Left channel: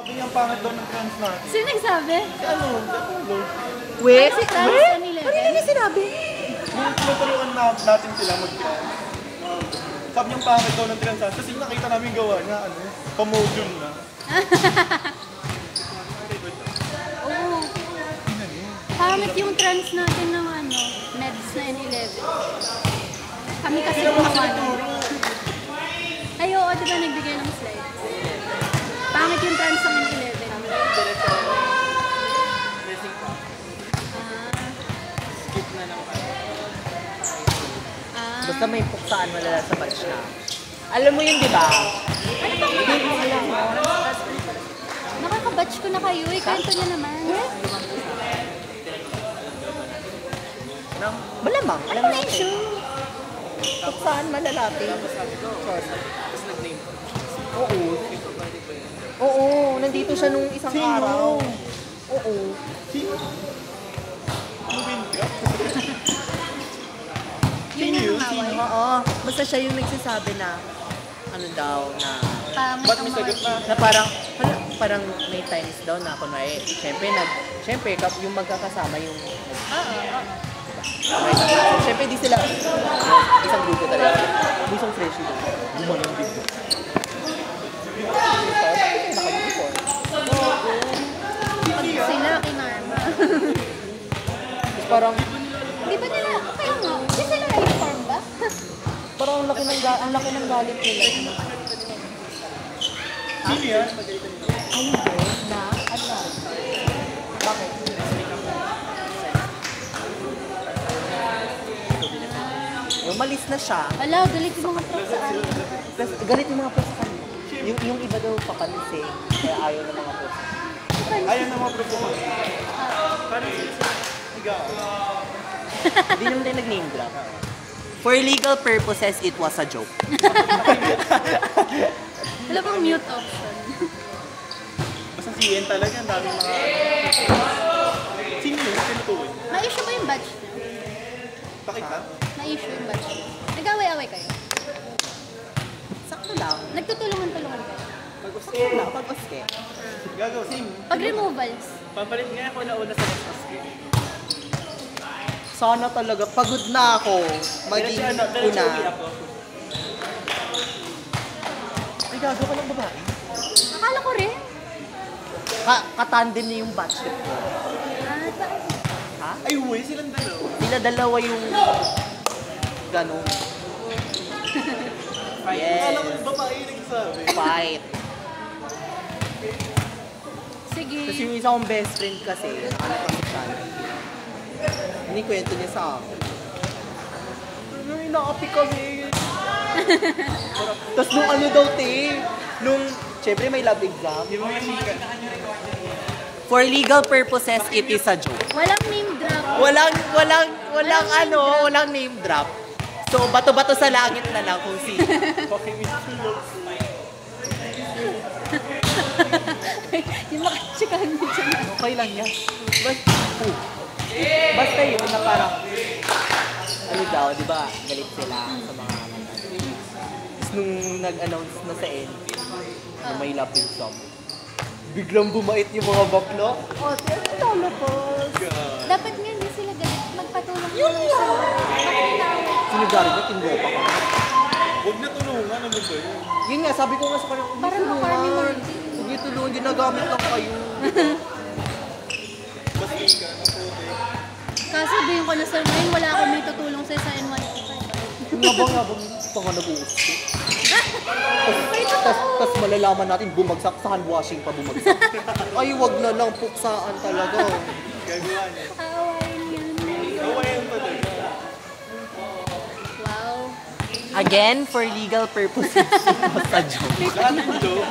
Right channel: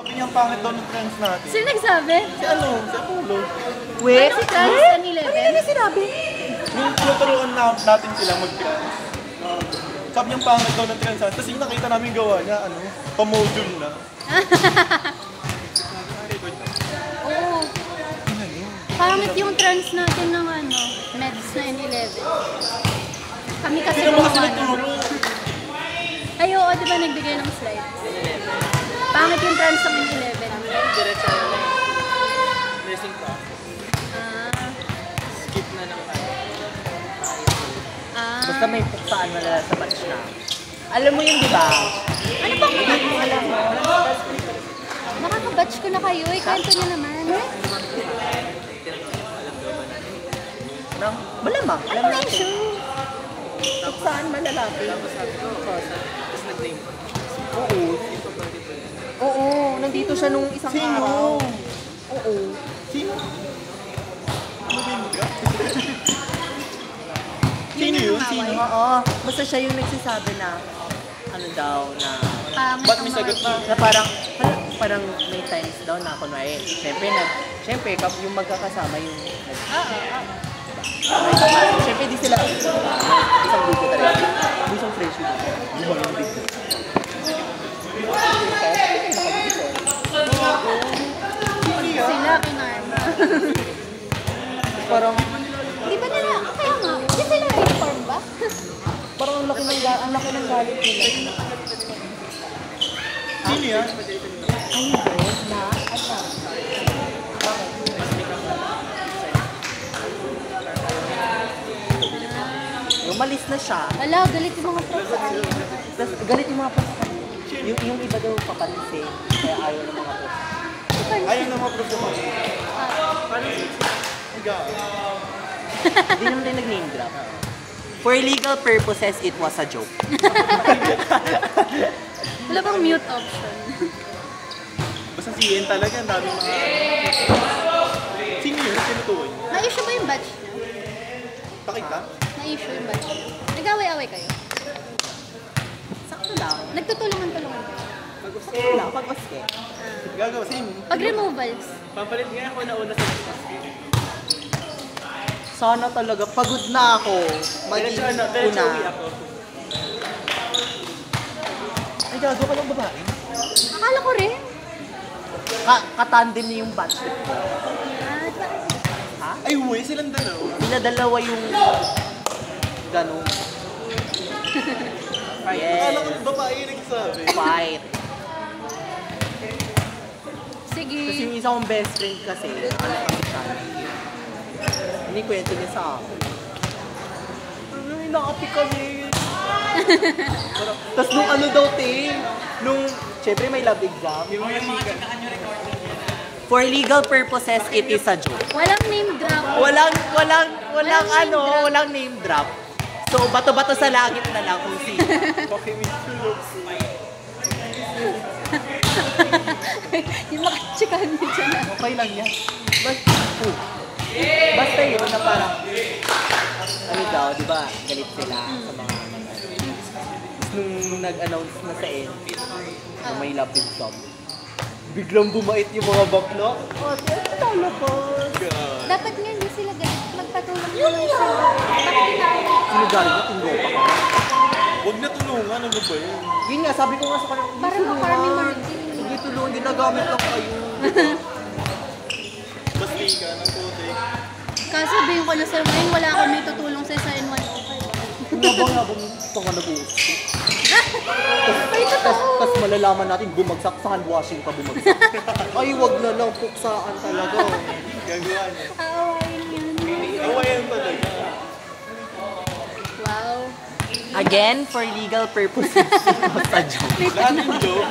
Sabi niyang pangit daw ng trans natin. Sino nagsabi? Si ano? Si Apollo. Wait, si trans 11? Ano na sinabi? Yung tuturuan natin sila mag-trans. Sabi niyang pangit daw ng trans natin. Kasi nakita namin gawa na ano, pamodule na. Oo. Pangit yung trans natin ng ano, meds na N11. Kami kasi gumawa na. Ay, oo, di ba nagbigay ng slides? Pangit yung trans ng N11. Nursing pa. Skip na lang. Basta may puksaan na lang sa batch na. Alam mo yun, di ba? Ano bang batch mo alam mo? Nakaka-batch ko na kayo. Kwento niyo naman. Malamang. Ano na issue? Puksaan malalaki. Tapos sabi ko, tapos nag-name ko. Oo. Yung pabalik pa yun. Oo, nandito siya nung isang araw. Oo. Sino? Yun yung away. Oo. Basta siya yung nagsasabi na, ano daw, na... Pangit ang mga na parang may times daw na kunwari. Siyempre, yung magkakasama yung... Siyempre, di sila isang grupo talaga. Isang friendship. Gumalang dito. sila kinarma. Parang... Di ba nila? Kaya nga. Di sila uniform ba? Parang ang laki ng galit nila. Sino yan? Ano ba? Na? Ano? Bakit? Umalis na siya. Wala, galit yung mga prof sa akin. Galit yung mga prof sa kanya. Yung iba daw papalis eh. Kaya ayaw ng mga prof. Ayaw na mga problema. Parang Hindi naman tayo nag-name drop. For legal purposes, it was a joke. Wala bang mute option? basta si Ian talaga, ang dami mga... Sino yun? Sino to? Na-issue ba yung badge niyo? Bakit na? Na-issue yung badge niyo? Nag-away-away kayo? Sakto lang. Nagtutulungan-tulungan kayo? Sakto lang, pag-oske. Gagawa, same. Pag removals, Papalit nga ako na una sa next Sana talaga, pagod na ako. Maging Diretso uwi una. ako. Ay, gagawa ka lang babae. akala ko rin. Katandem niya yung batch ko. Bakit? Ha? Ay, huwi, silang dalawa. Sila dalawa yung ganun. Akala ko yung babae yung nagsabi. Fight. Sige. Kasi yung isang best friend kasi, hindi kwento niya sa akin. Ano, nakapi kami. Tapos nung ano daw, nung, syempre may lab exam. For legal purposes, it is a joke. Walang name drop. Walang name drop. So, bato-bato sa langit na lang kung sino. Yung makachikahan niyo dyan. Okay lang yan. Basta yun na parang, ano daw, di ba, galit sila sa mga nung nag-announce na sa end, na may lab exam. Biglang bumait yung mga bakla. Oh, tolo po. Dapat nga hindi sila galit. Magpatulong na lang sila. Bakit inaaway? Sinagaling ko, tinggo pa ka. Huwag na tulungan, ano ba yun? Yun nga, sabi ko nga sa kanila, Para makarmi Martin. sige, tulungan, ginagamit lang kayo. Basta ka, natuti. Kasabihin ko na sir, ngayon wala akong may tutulong sa N105. Ngabang pa nga nag-uusap. Ay, totoo. Tapos malalaman natin, bumagsak sa handwashing pa bumagsak. Ay, wag na lang, puksaan talaga. Gagawa na. Aawayin yan. Awayan talaga. Wow. Again, for legal purposes, it was a joke. Lahat yung joke.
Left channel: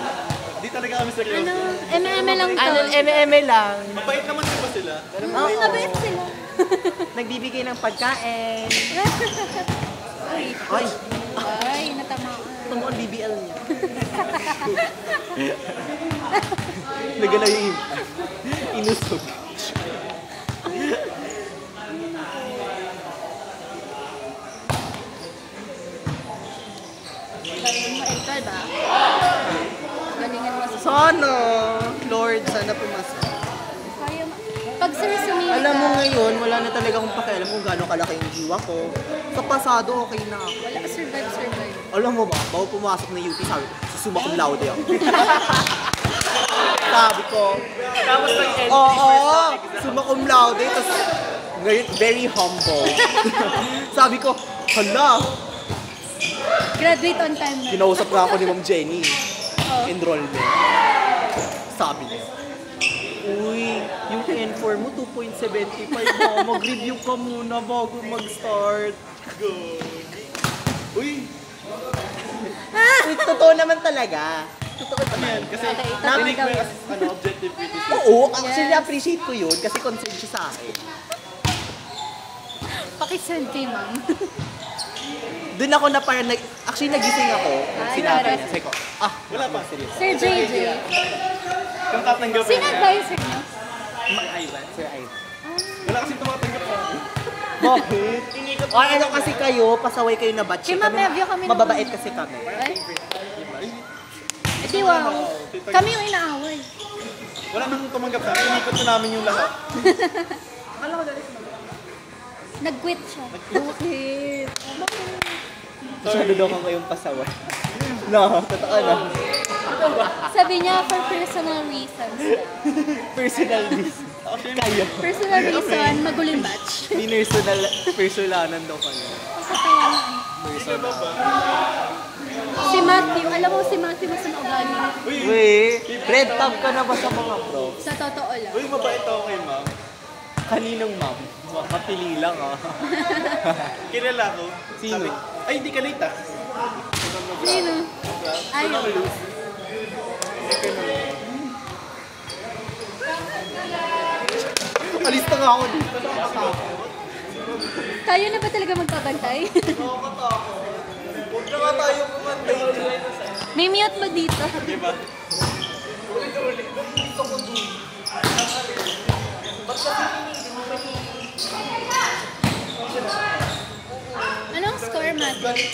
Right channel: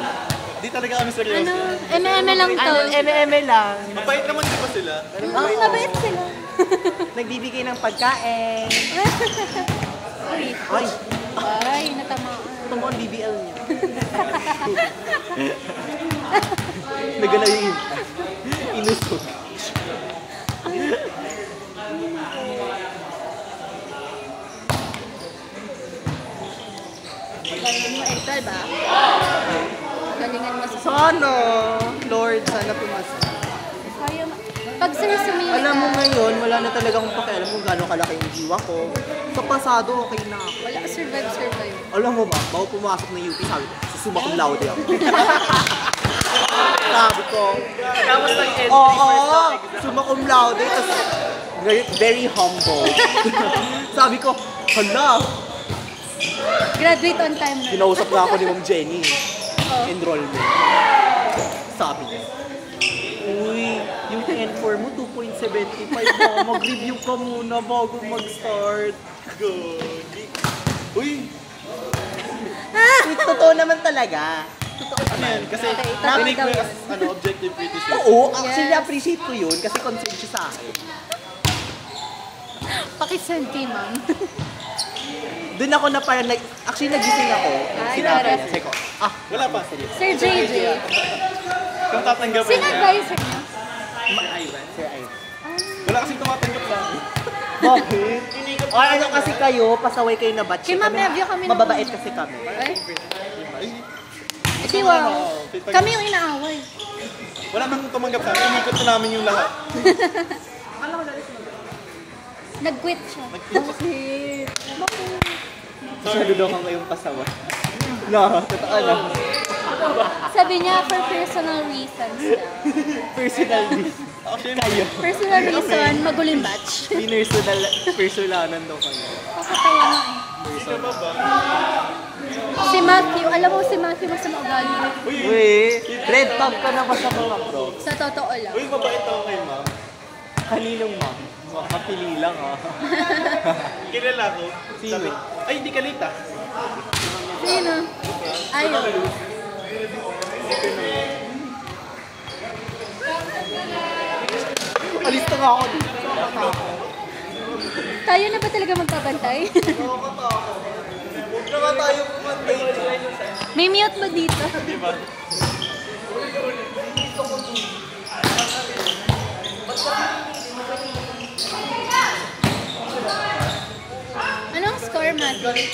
Di talaga kami seryoso. Ano? MM lang to. Eme lang. Mabait naman di ba sila? Oo, mabait sila. Nagbibigay ng pagkain. Ay, Ay, natamaan. ito mo ang BBL niya. Nagala yung inusog. Galingan mo, Hector ba? Galingan mo sa... Sana! sir, sumili Alam mo ka. ngayon, wala na talaga akong pakialam kung gaano kalaki yung jiwa ko. Sa pasado, okay na ako. Wala, survive. Alam mo ba, bago pumasok ng UP, sabi ko, susuma cum laude ako. Sabi ko, Tapos nag-entry oo, first na exam. summa cum laude. Tapos, very humble. Sabi ko, hala, Graduate on time na. kinausap nga ako ni Ma'am Jenny. Oh. Enrollment. Sabi niya, uy, yung N4 mo 2.75 mo. Mag-review ka muna bago mag-start. Uy, Totoo naman talaga. Totoo naman. kasi Okay, totoo narinig daw ko yan. yung objective criticism. Oo, actually Yes. appreciate ko yun kasi concerned siya sa akin. Pakisend kay ma'am. Doon ako na parang, actually nagising ako. Ay, Sinabi Laura. niya. Sabi ko, Wala pa. Sir JJ. Kung tatanggapin. Sino advisor niyo? Ivan. Sir, ay. Wala kasi tumatanggap sa akin. Bakit? Ay, ano kasi kayo, pasaway kayo na batch. Kay Ma'am Evia kami Mababait nauna. kasi kami. Ay? Di wow. Kami yung inaaway. Wala man tumanggap sa akin. Inikot na namin yung lahat. Nag-quit siya. Bakit? Masyado daw kang kayong pasawa. No, totoo na. Sabi niya for personal reasons. Personal this. Kayo. Personal reason, maguling batch. Personalan daw kayo. Kasi kaya nga eh. Si Matthew, alam mo si Matthew masama ugali. Wait, red tab ka na ba sa mga prof? Sa totoo lang. Uy, mabait ako kay ma'am. Kaninong ma'am? Kapili lang ah. Kilala ko. Sino? Ay, hindi ka late ah. Sino? Ayaw. Alis na nga ako dito. Tayo na ba talaga magkabantay? Huwag na nga tayo kumantay. May mute ba dito? Diba? Anong score, Matthew?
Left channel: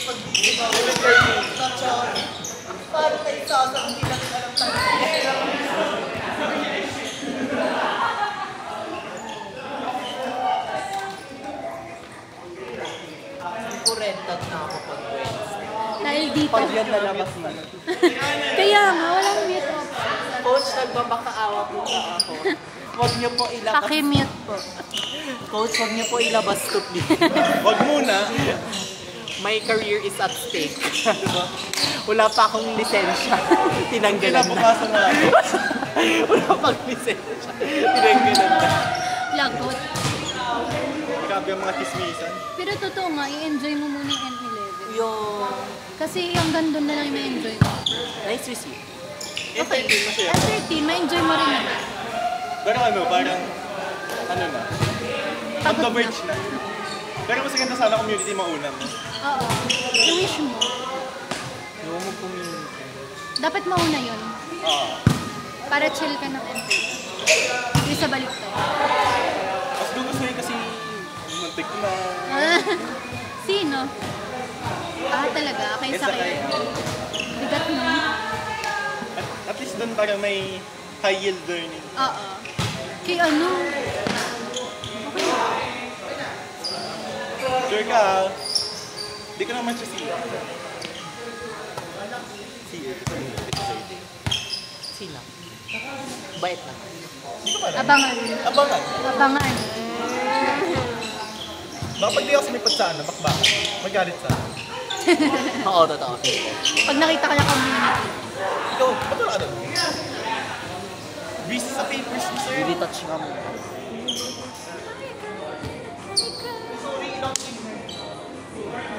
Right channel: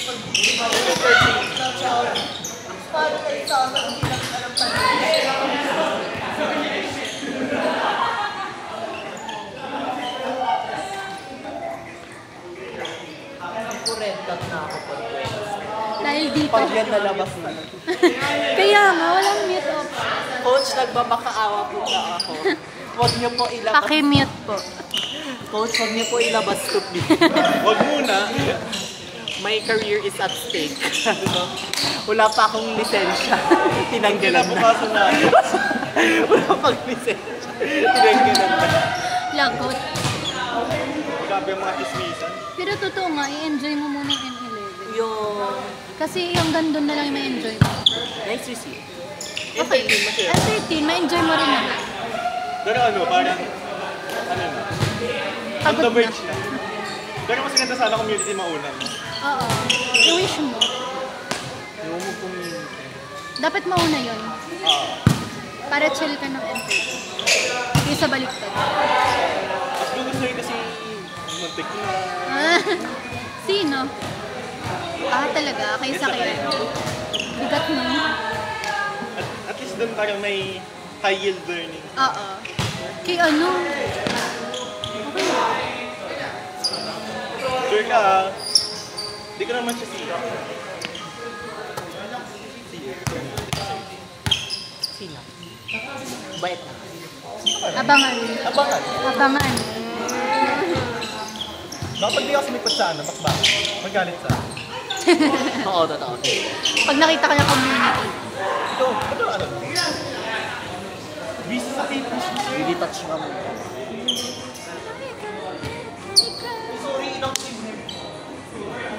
Red tab na ako pag Dahil dito. pag yan nalabas na. Kaya nga, walang mute option. Coach, nagmamakaawa po ba ako? Huwag niyo po ilabas. Paki-mute po. Coach, huwag niyo po ilabas to please. Wag muna. My career is at stake. Wala pa akong lisensya. Tinanggalan na. Pinapapasa na. Wala pang lisensya. Tinanggalan na. Lagot. Grabe ang mga tismisan. Pero totoo nga, i-enjoy mo muna yung N11. Yung... Kasi hanggang doon na lang yung ma-enjoy mo. Nice to see. Okay. Hindi mo siya. At 13, ma-enjoy mo rin naman. Pero ano, parang, ano na, on Pagod the na. verge na. Pero mas ganda sana community maunang. Oo. I-wish mo. Yung mo pong... Dapat mauna yun. Para chill ka ng N13. Hindi sa baliktad. Mas gusto yun kasi, muntik na. Ah, sino? Ah, talaga? Kayo sa kayo. Bigat mo. At least dun parang may high yield learning. Oo. Kay ano? Okay. Sure ka ah. Di ko naman siya siya. Sila. Bait na. Abangan. Abangan. Abangan. Baka pag di ako sumipot sa ano, bakbak. Magalit sa akin. Oo, totoo. Pag nakita ka ng community. Ikaw, ano? Busy sa papers ni sir. Hindi touch nga mo.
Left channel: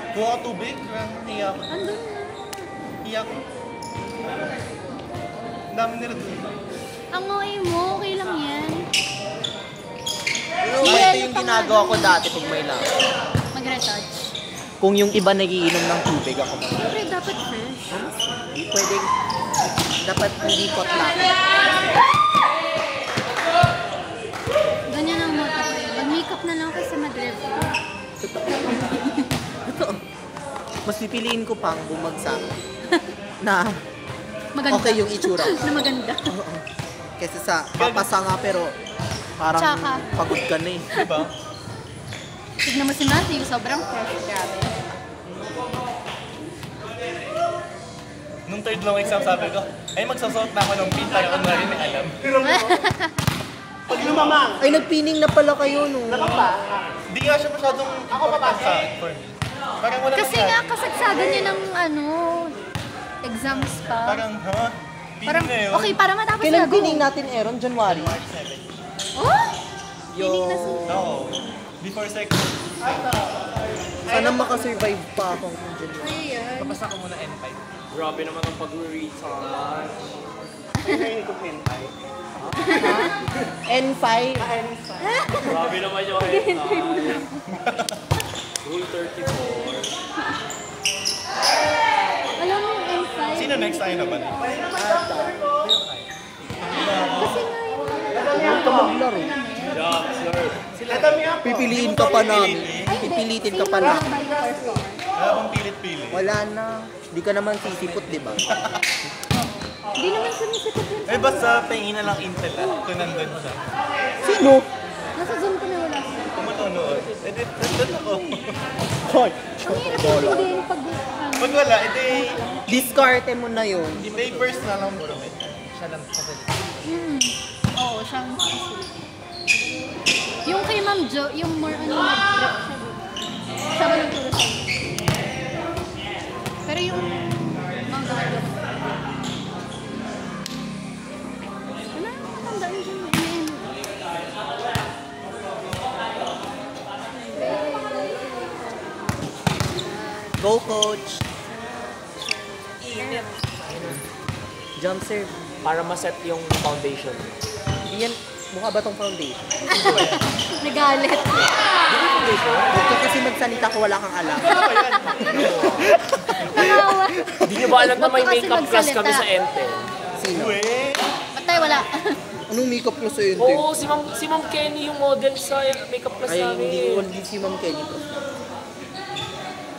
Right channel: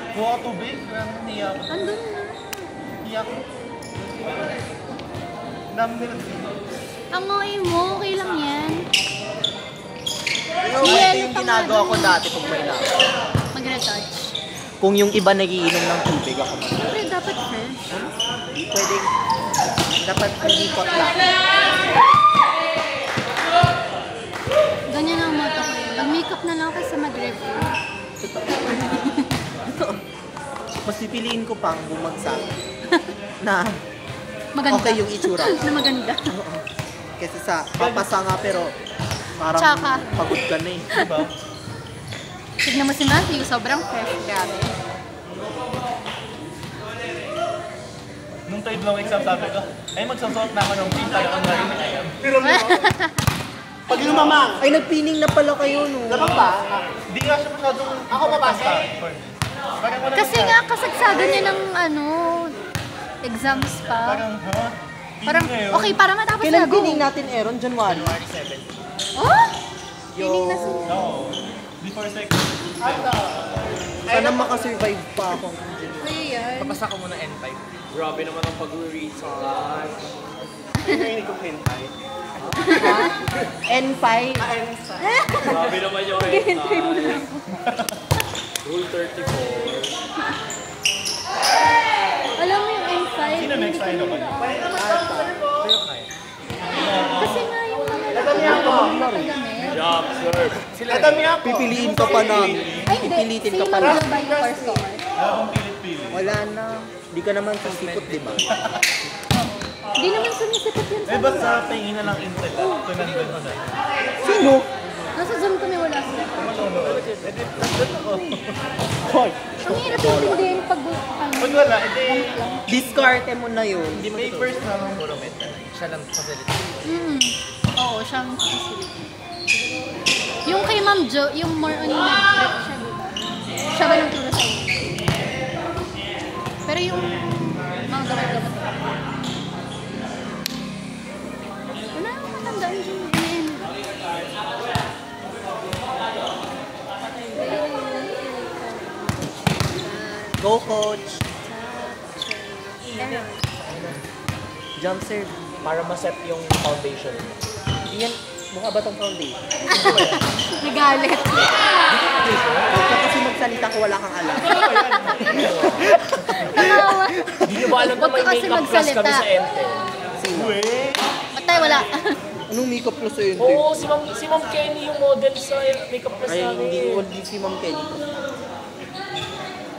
Kuha ka tubig. Niyak. Andun na. Niyak. Dami nila dun. Ang ngoy mo, okay lang yan. Pero Yelo ito yung pa nga ginagawa ko dun. dati pag may lakas. Mag-retouch. Kung yung iba nagiinom ng tubig ako mag Siyempre, dapat fresh. pwede, dapat lilikot lang. Ganyan ang mata ko eh. Mag-makeup na lang kasi mag-review. Ito, mas pipiliin ko pang bumagsak na Maganda. okay yung itsura. Na maganda. Oo. Kasi sa papasa nga pero Parang Tsaka. pagod ka na eh. Diba? Tignan mo si Matthew, sobrang fresh. Grabe. Nung third long exam sabi ko, ay magsasuot na ako ng pin tayo kung nga rin alam. Pag mama! Ay, nagpining na pala kayo, no? Hindi nga siya masyadong ako babasa for me. Parang wala Kasi nga, kasagsagan niya ng exams pa. Parang, ha? Parang, Piling okay, para matapos na Kailan go. pining natin, Aaron? January? Oh? Piling na si... Before second. Sana makasurvive pa akong January. Ayan. Basta ka muna N5. Grabe naman ang pag-research. N5? Grabe naman yung research. Rule 34. Alam mo yung M5? Sino next tayo na ba? Kasi nga yung Huwag ka maglaro. Job, sir. Pipiliin ka pa namin. Ay, hindi. Pipilitin ka Sino pa yung namin. by the first one? Wala akong pilit-pilit. Wala na. Di ka naman sisipot, di ba? Hindi naman sumisipot yun sa... Eh, basta tingin na lang Intel at ito nandun siya. Sino? Nasa Zoom ko na wala siya. Manonood. Eh, di, nandun ako. Hoy! Ang hirap yung din pag... Pag wala, edi, Diskarte mo na yun. di papers na lang puro met. Siya lang facility. Oo, siyang facility. Yung kay Ma'am Jo, yung more on nag-prep siya doon. Siya ba yung turo sa'yo? Pero yung mga gamit-gamit. Wala naman matandaan dyan. Go, coach! Jump serve. Para ma-set yung foundation. Yan, mukha ba tong foundation? Nagalit. Huwag ka kasi magsalita ko wala kang alam. Nakawa. Hindi nyo ba alam na may Huwag ka kasi makeup class kami magsalita. sa Ente? Sino? Patay, wala. Anong makeup mo sa yun? Oo, si Ma'am Kenny yung model sa makeup class Ay, hindi namin. ko si Ma'am Kelly.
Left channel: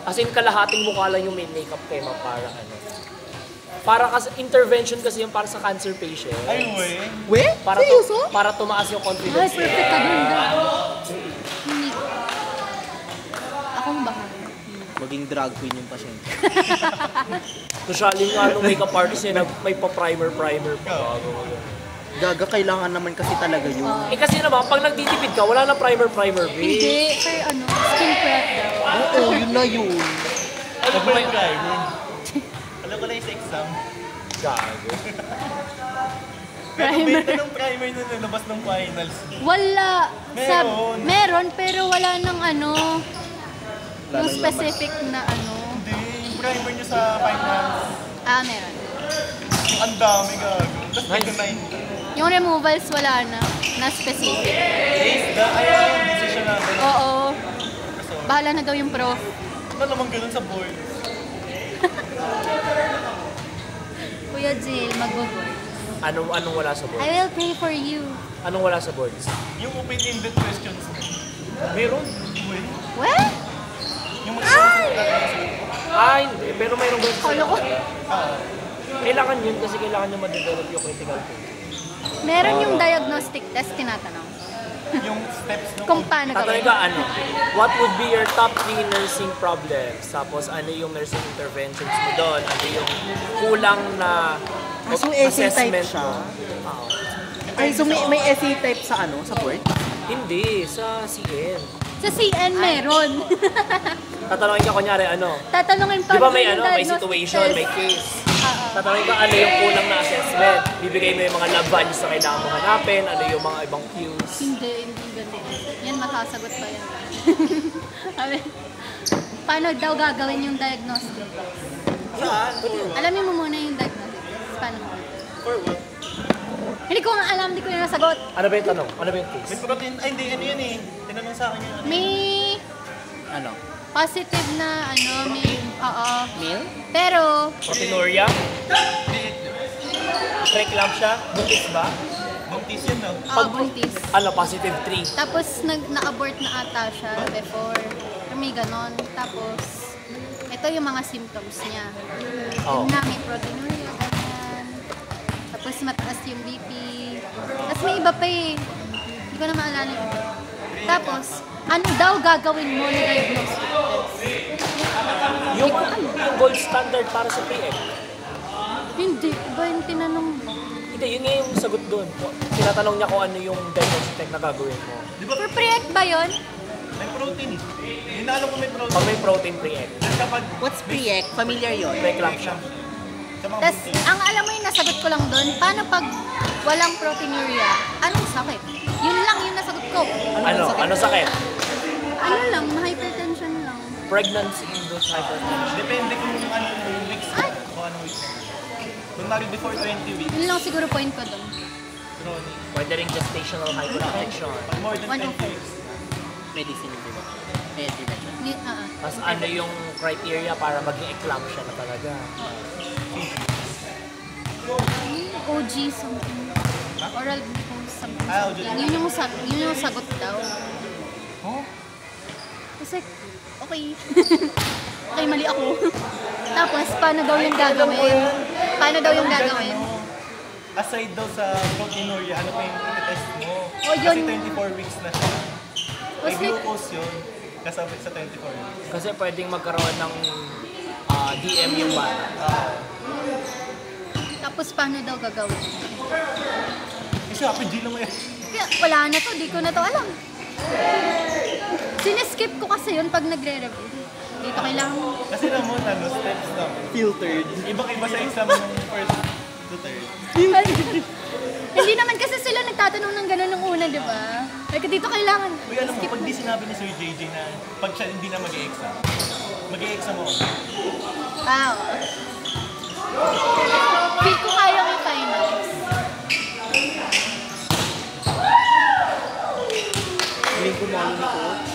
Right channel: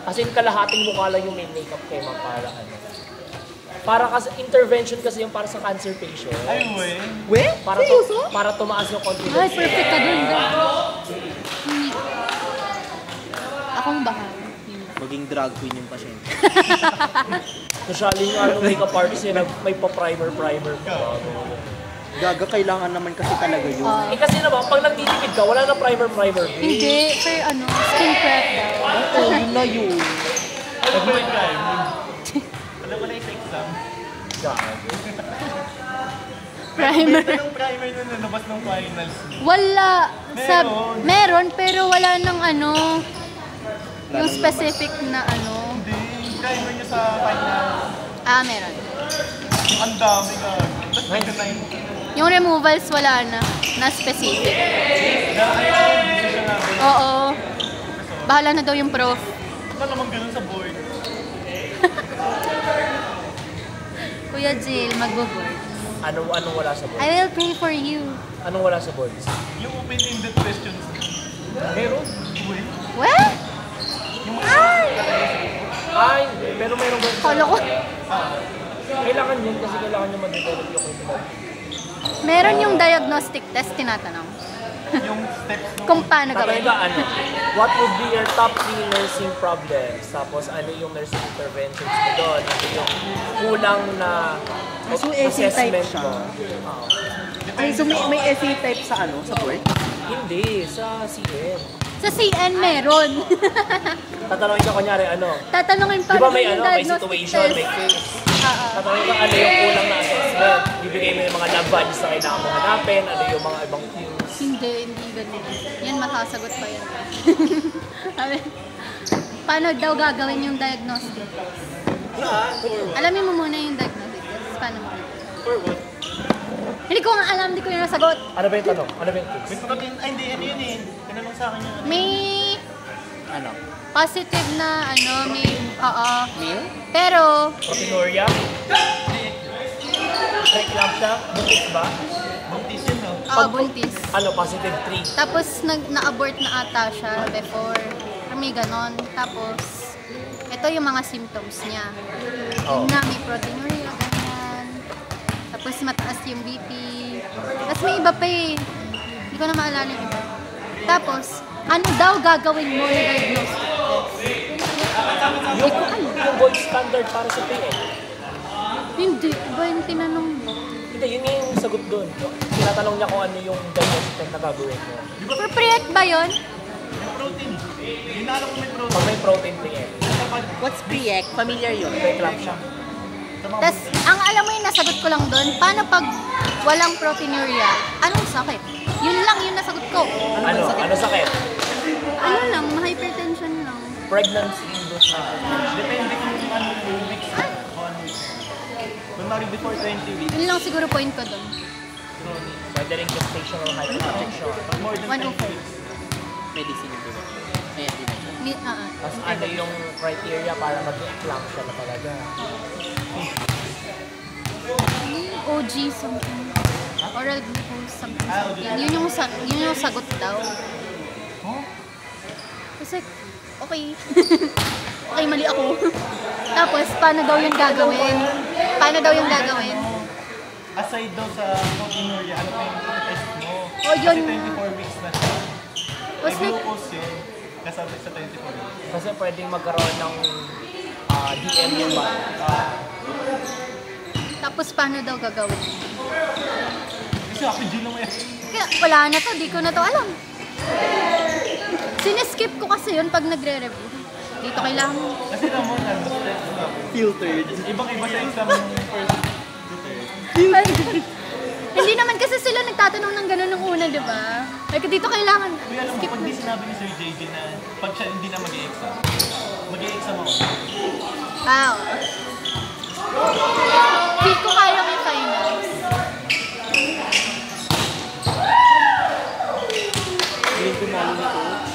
As in, kalahating mukha lang yung may makeup kay Ma'am para ano. Para kasi, intervention kasi yung para sa cancer patient. Ay, wey. We? Para, Seryoso? para tumaas yung Ay, confidence. perfect ka dun. Akong bahala. Maging drag queen yung pasyente. Usually yung ano, makeup artist eh, may pa-primer pa. Gaga, kailangan naman kasi talaga yun. Eh kasi naman, pag nagtitipid ka, wala na primer, babe. Hindi, sir, skin prep daw. Oo, yun na yun. Ano ba yung driver? Alam ko na yung sa exam. Primer. Benta ng primer na nalabas ng finals. Wala. Meron. Meron, pero wala ng yung Lalong specific na Hindi, yung primer niya sa finals. Meron. Ang dami ka. Tapos may design. Yung removals wala na specific. Kaya decision natin. Oo. Bahala na daw yung prof. Ano naman ganun sa board? Kuya Jill, mag-board. Anong wala sa boards? I will pray for you. Anong wala sa boards? Yung open-ended questions. Meron? Uy. Well, Ay, hindi. Pero meron doon sa... kala ko. Kailangan yun kasi kailangan nyo ma-develop yung critical thinking. Meron yung diagnostic test, tinatanong. Yung steps ng Kung paano Kaya gawin. ano, what would be your top 3 nursing problems? Tapos ano yung nursing interventions mo doon? Ano yung kulang na So, essay type assessment siya? mo? Ay, so may essay type sa sa board? Hindi, sa CN. Sa CN meron. Tatanungin ka kunyari ano, Tatanungin pa di ba may yung may diagnostic situation, test. may case. Oo. Tatanungin ka ano yung kulang na assessment. Bibigay mo yung mga lab values na kailangan mo hanapin, ano yung mga ibang cues. Hindi ganun. Yan, masasagot pa yan. Sabi, paano daw gagawin yung diagnostic test? Alamin mo muna yung diagnostic test. Paano mo? For what? Hindi ko nga alam, hindi ko yung nasagot. Ano ba yung tanong? Ano ba yung case? May pagkat yun, ay hindi, ano yun eh. Tinanong sa akin yun. May Ano? positive na may, Mail? pero, Proteinuria? Check lang siya? Buntis ba? Buntis yun daw. buntis. Ano, positive 3. Tapos, na-abort na ata siya before. May ganon. Tapos, ito yung mga symptoms niya. Oh. Yun na, may proteinuria, ganyan. Tapos, mataas yung BP. Tapos, may iba pa eh. Hindi ko na maalala yung iba. Tapos, ano daw gagawin mo na diagnostic test? Yung gold standard para sa PN. Hindi, iba yung tinanong mo. Hindi, yun yung sagot doon. Tinatanong niya kung ano yung diagnostic test na gagawin mo. For pre-ec ba yun? May protein. Hindi na alam kung may protein. Pag may protein PN. Kapag What's pre-ec? Familiar yun. Preeclampsia. Tapos, ang alam mo yung nasagot ko lang doon, paano pag walang proteinuria? Anong sakit? Yun lang yung nasagot ko. Ano sakit? Ano lang, hypertension lang. Pregnancy-induced hypertension. depende kung ano yung weeks o ano weeks. Kunwari before 20 weeks. Yun lang siguro point ko doon. Pwede rin gestational hypertension. More than 20 104. weeks. Medicine po ba? Medicine na siya. Tapos ano yung criteria para mag-eclampsia na talaga? OG something. Oral glucose something. Yun yung sagot daw. Kasi, okay. Okay, mali ako. Tapos, paano daw yung gagawin? Paano daw yung gagawin? Aside daw sa proteinuria, ano pa yung test mo? Oh, yun. Kasi 24 weeks na siya. May Tapos, glucose yun. Kasama sa 24 weeks. Kasi pwedeng magkaroon ng DMU ba? tapos, paano daw gagawin? Kasi ako, G lang yan. Kaya, wala na to. Di ko na to alam. Siniskip ko kasi yun pag nagre-review. Dito kailangan. Kasi naman, steps na. Filtered. Ibang-iba sa exam ng first to third. Hindi naman kasi sila nagtatanong ng gano'n nung una, di ba? Like, dito kailangan. Uy, ano, Skip pag na. di sinabi ni Sir JJ na pag siya hindi na mag-e-exam, mag-e-exam ako. Wow. Feel ko kaya may finals. Hindi ko mo yung coach.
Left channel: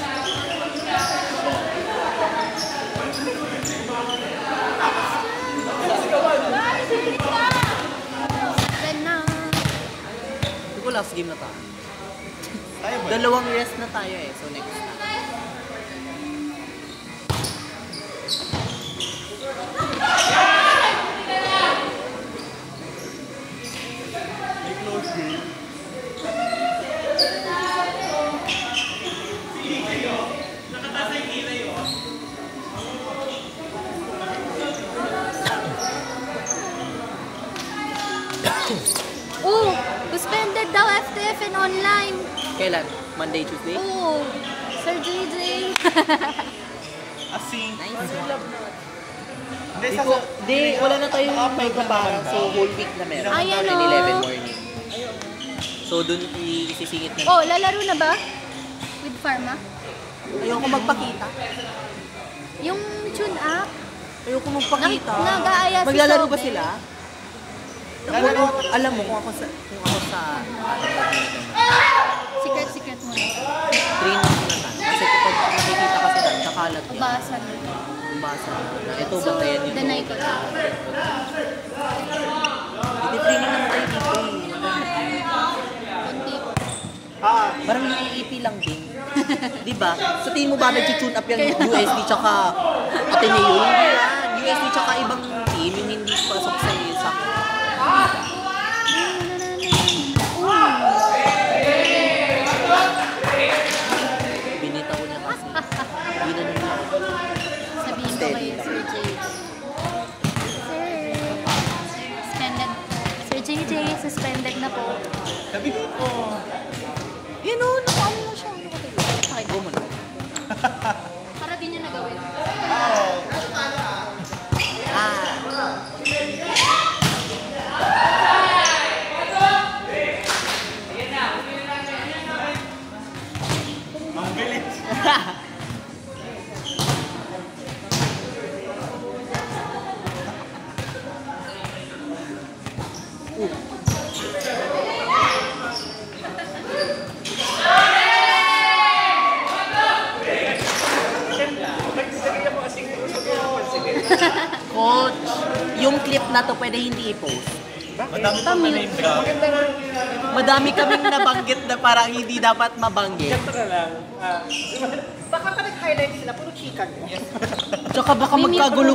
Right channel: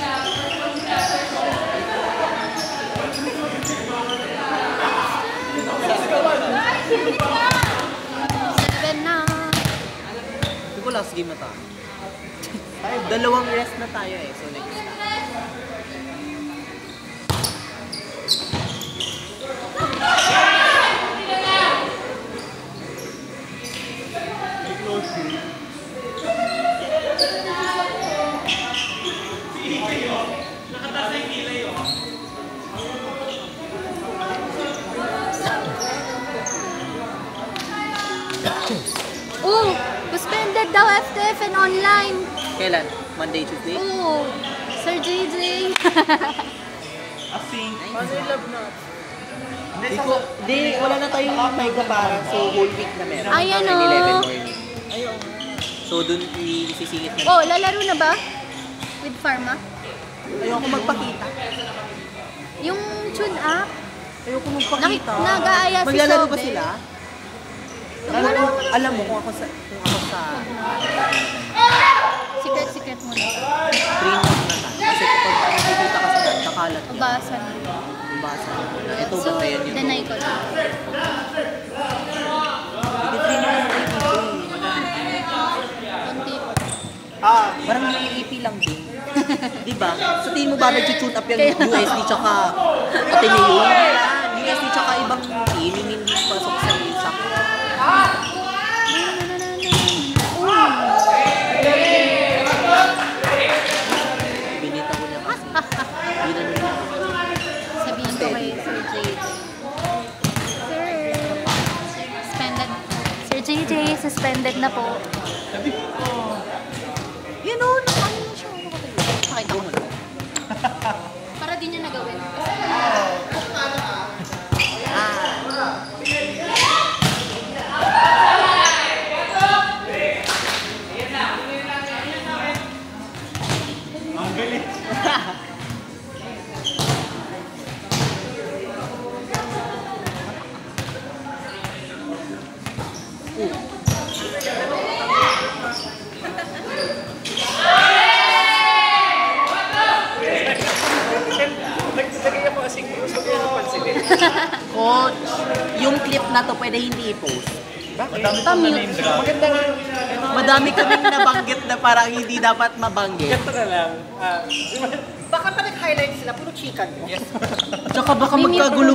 Then na. Hindi ko last game na tayo. Tayo ba? Dalawang rest na tayo eh. So next time. May close game. Oh, suspended daw FTF and online. Kailan? Monday, Tuesday? Oh, Sir JJ. Async. Hindi, Di sa ko, di, wala na tayong time para. So whole week na meron. Ay, ano? 11 morning. So dun isisingit na. Oh, lalaro na ba? With Pharma? Ayoko magpakita. Yung tune up? Ayoko magpakita. Nag-aaya si Maglalaro ba Sobe. sila? Alam mo kung ako sa Secret muna. training na tan. Kasi kapag nakikita ka sila, kakalat na. Basa na. Basa na. Ito So, ba tayo yun? deny ko na. Hindi mo yung ito. Parang EP lang din. Diba? Sa tingin mo ba nag-tune up yung USD tsaka Ateneo? Hindi lang. USD tsaka ibang feeling hindi pasok sa isak. Binita ko niya kasi. Hindi na naman. Sabihin ko kay Sir JJ. Sir JJ, suspended na po. sabi ko, Yan o, nakaano na siya. Ano ka tayo? Pakita mo na. Para di niya nagawin. ang galit. Coach, yung clip na to pwede hindi i-post. Pamute. Madami kaming nabanggit na parang hindi dapat mabanggit. Baka pa nag-highlight sila, puro chicken. Tsaka baka magkagulo